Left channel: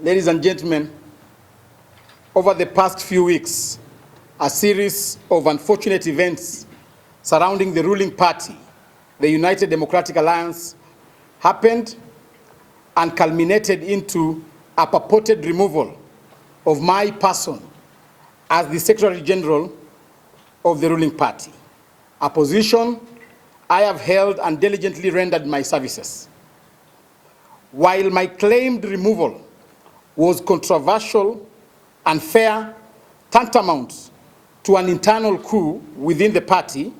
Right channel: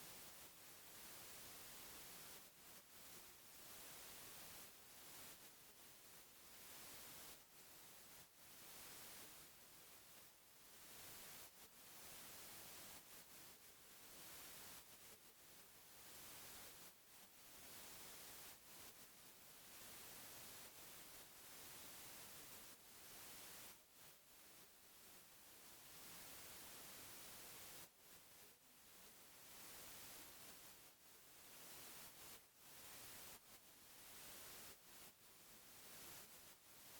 Ladies and gentlemen, over the past few weeks, a series of unfortunate events surrounding the ruling party, the United Democratic Alliance, happened and culminated into a purported removal of my person as the Secretary General of the ruling party, a position I have held and diligently rendered my services. While my claimed removal was controversial, unfair, tantamount to an internal coup within the party,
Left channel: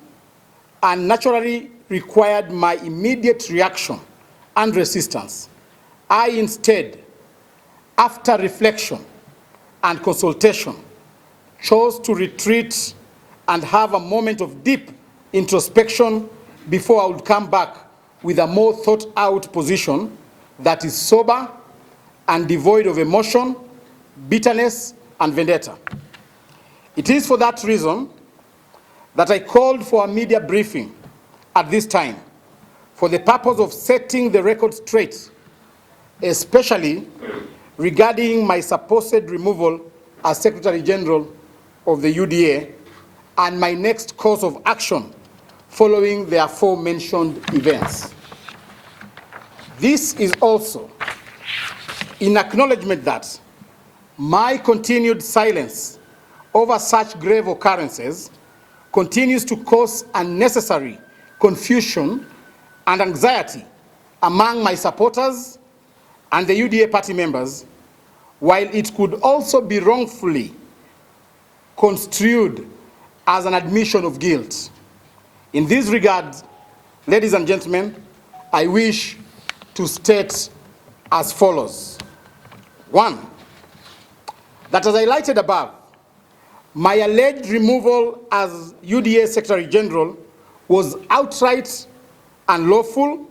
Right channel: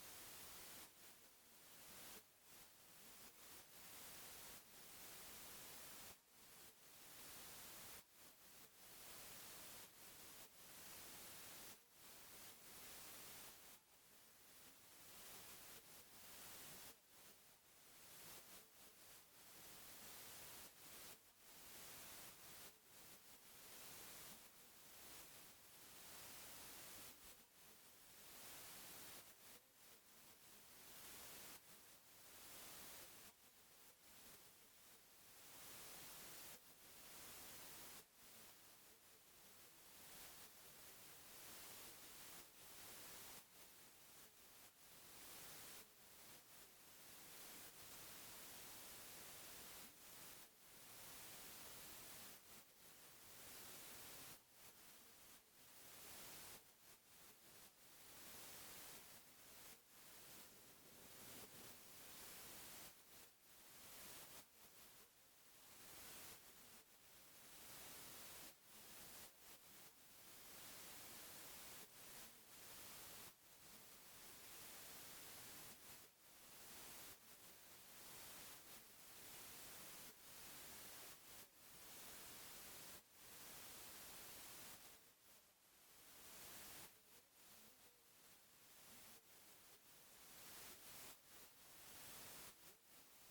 and naturally required my immediate reaction and resistance, I instead, after reflection and consultation, chose to retreat and have a moment of deep introspection before I would come back with a more thought-out position that is sober and devoid of emotion, bitterness, and vendetta. It is for that reason that I called for a media briefing at this time for the purpose of setting the record straight, especially regarding my supposed removal as Secretary General of the UDA and my next course of action following the aforementioned events. This is also in acknowledgement that my continued silence over such grave occurrences continues to cause unnecessary confusion and anxiety among my supporters and the UDA party members, while it could also be wrongfully construed as an admission of guilt. In this regard, ladies and gentlemen, I wish to state as follows. One, that as highlighted above, my alleged removal as UDA Secretary General was outright unlawful,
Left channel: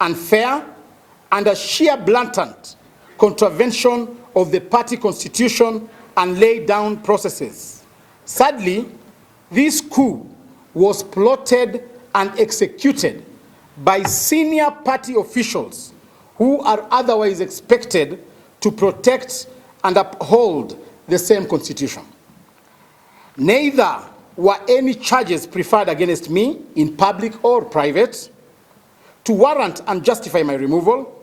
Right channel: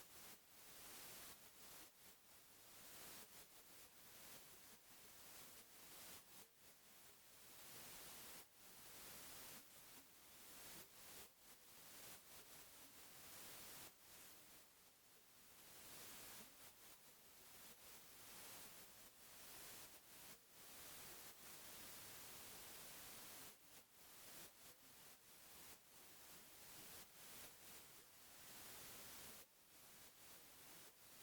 unfair, and a sheer blatant contravention of the party constitution and laid down processes. Sadly, this coup was plotted and executed by senior party officials who are otherwise expected to protect and uphold the same constitution. Neither were any charges preferred against me in public or private to warrant and justify my removal,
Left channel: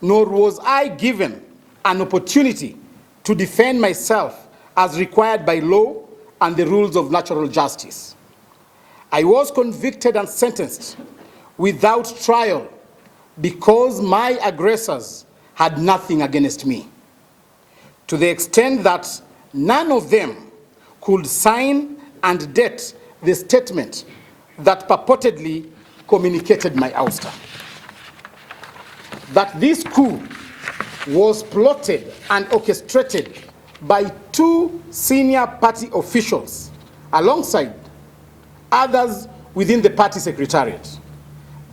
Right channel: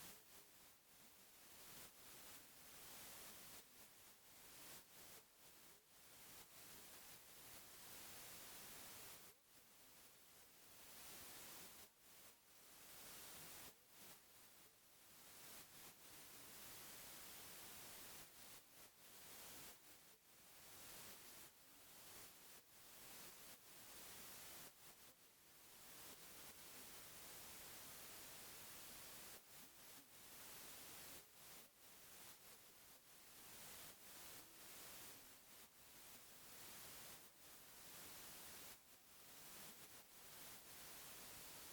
nor was I given an opportunity to defend myself as required by law and the rules of natural justice. I was convicted and sentenced without trial because my aggressors had nothing against me, to the extent that none of them could sign and date the statement that purportedly communicated my ouster. That this coup was plotted and orchestrated by two senior party officials alongside others within the party secretariat.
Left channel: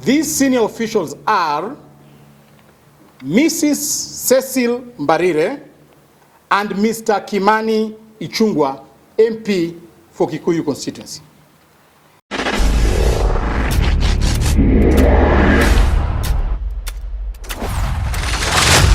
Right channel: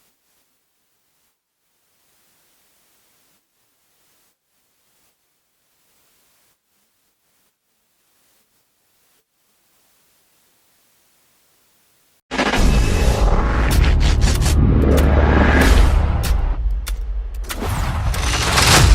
These senior officials are Mrs. Cecil Mbarire and Mr. Kimani Ichung'wah, MP for Kikuyu constituency.